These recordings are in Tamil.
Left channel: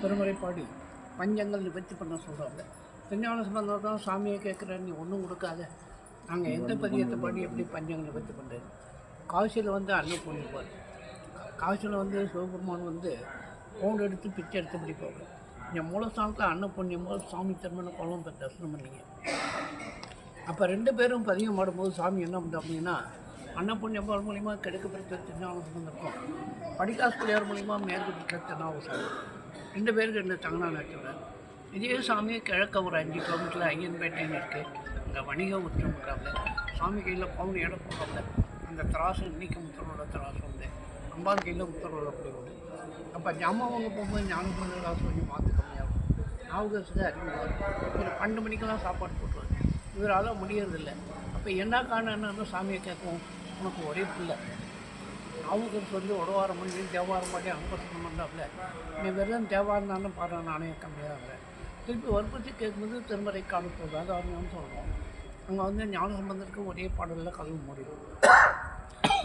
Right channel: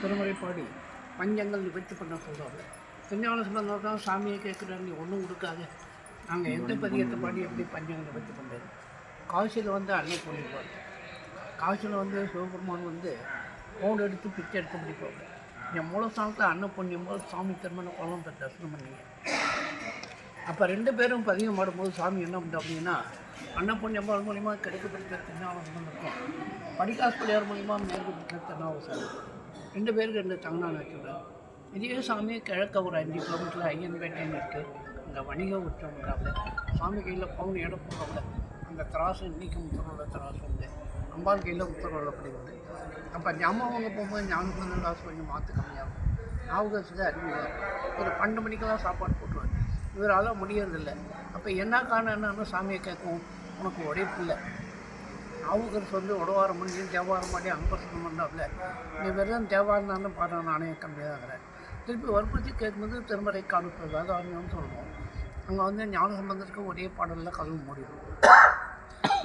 திருமுறை பாடி பஞ்சங்கள் நிவர்த்தி பண்ண சொல்கிறாங்க. திருஞான சம்பந்தர் தான் சாமியை கேட்குறாரு, நீ ஒன்றும் கொடுக்காத, நாங்கள் எந்த பதியத்தை பாடி எப்படி பஞ்சங்கள் நிவர்த்தி பண்ணுறது. காசியில் அன்னை புண்ணியப்பாடு, காசியில் சிவபெருமான் ஃபோன் எடுத்து பிச்சை எடுத்து பிடிப்பாங்க. என் மூலஸ்தானத்தில் அன்ன புண்ணியம் போது சாமி திருமண குளம் போய் தரிசனம் பண்ணிங்க. அப்போ 2 பேரும் பதியம் பாடும்போது சாமி என்ன பண்ணுது அப்படின்னா, அன்னப்புண்ணியம்பாள் மூலிமா கிழக்கு பிடித்த திருஞானம் இருக்கும், படிக்காசு பிள்ளையார் மூலிமா மேற்கு பிடித்த திருநாவுசாமி, 2 பேருக்கு 2 தங்கனான் வச்சுடுறாரு. இதே சாமி கிழக்க ஒரு 5 கிலோமீட்டரில் ஐயன்பேட்டைன்னு இருக்குது, அந்த வணிக உச்சம்ன்றாங்க. சாமி கையில் பவுன் இடம் போகிறவங்க அந்த திராசு இன்றைக்கி முத்தரோட திராசு உண்டு, அம்பாள் கையில் முத்தரோட அப்படி உண்டு. அப்போ ஜாமான் வாங்க போகும்போது ஞானசம்பந்தர் காசு கொஞ்சம் மாற்று கம்மியாகும், நாவுகரசுக்கு அதிகமாகும். ஒரு 12 மணிக்கெல்லாம் சாப்பாடு போட்டுருவார், இவரால் முடியறதில்லை. அப்போ என்ன காரணம் என்னன்னு சாமியை கேட்கும், உனக்கு ஒரே பிள்ளை நாவுக்கரசு உடவாரம் பண்ணி தேவாரம் பாடி அங்கசனம் பண்ணாப்புல, நீ வெறும் தேவாரம் தானே பாடுற, நானே கம்மியாகிறேன். திருப்பி வற்புறுத்தி கேட்கும்போது திருமறை காணுறது அதாரியம் சொல்லுவோம். அங்கே ஞானசம்பந்தருக்கு ஒரே பாடலில் கதவு முடியும்.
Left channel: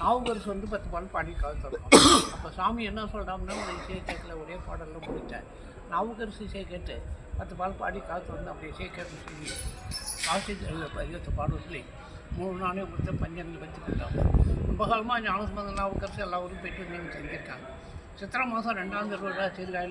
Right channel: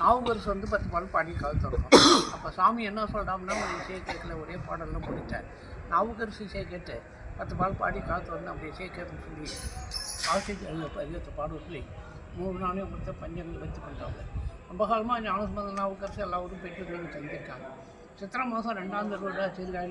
நாவுக்கரசு 10 பாடல் பாடி காது தரணும். அப்போ சாமி என்ன சொல்கிறாங்கன்னா, ஒரு இசையை கேட்கல, ஒரே பாடலில் முடித்தேன். நாவுக்கரசு இசையை கேட்டு 10 பாடல் பாடி காத்து வந்து அப்படி இசையை கேட்கணும்னு சொல்லி காசி பதியத்தை பாட சொல்லி 3 நாளே கொடுத்த பஞ்சங்கள் வச்சு கொடுத்தாங்க. ரொம்ப காலமாக ஞானசம்பந்தம் நாவுக்கரசு எல்லா ஊரும் போய்ட்டு வந்து தங்கியிருக்காங்க. சித்திரை மாதம் 2ஆம் திருவிழா சீர்காழி